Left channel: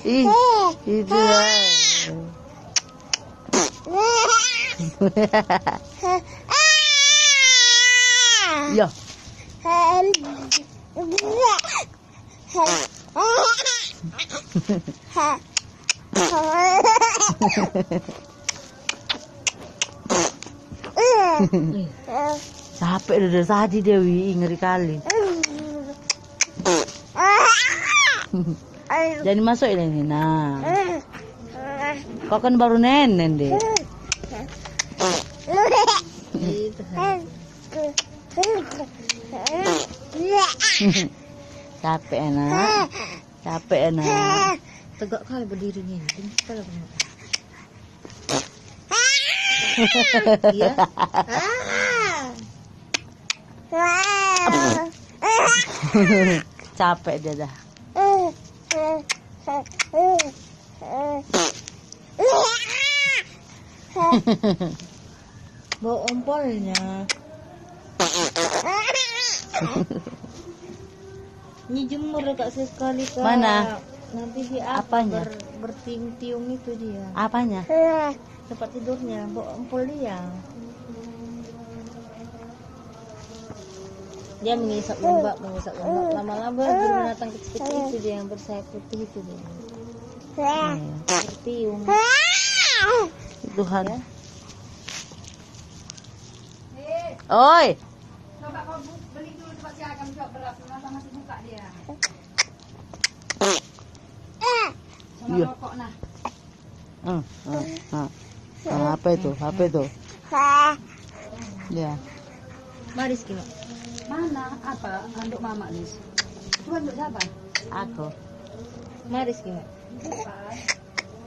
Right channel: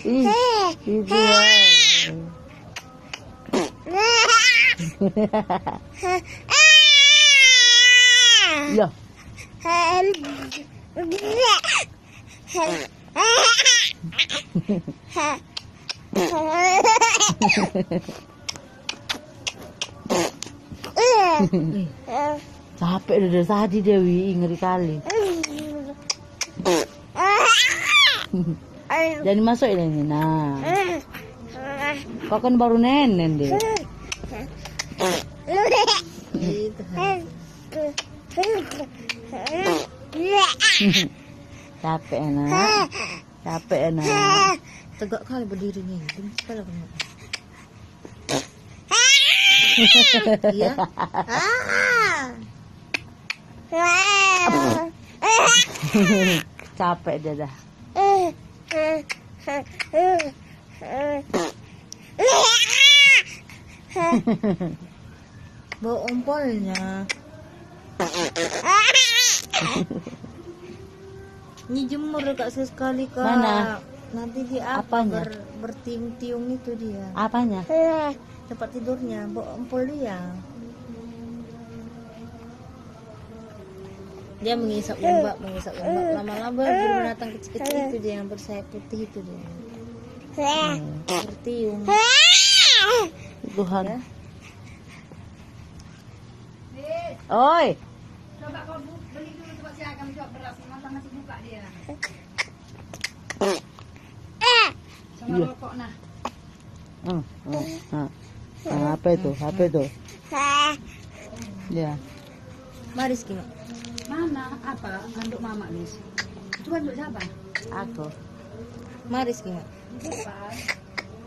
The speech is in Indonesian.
Ih, itu ya. Capek udah tadi Dewi, ngeri kali. Jadi masuk ini, nah. Kau kan baru nenen deh. Capek enak, capek enak. Tegak kali berdirinya. Kalau iya. Capek dia dah. Bau ompolnya. Ini jemur Kak sekali Kak. Mana? Nanti dia Apanya? bertiung-tiung itu dia. Apanya? Tempat tidurnya, bau ompol dia. Dia mengisap lembab. Lama-lama binatang kecil-kecil itu dia yang bersayap putih itu dia. Bertiung. Tuhan. Ya. Oi. Coba kau beli dulu tempat si Agam coba beras, masih buka dia. Sama Iya. rokok nah. Apa itu? Apa itu? Ya. Maris gimana? Mana? Apa? Untuk mama nih. Itu untuk siapa? Aku. Maris gimana? Bukan.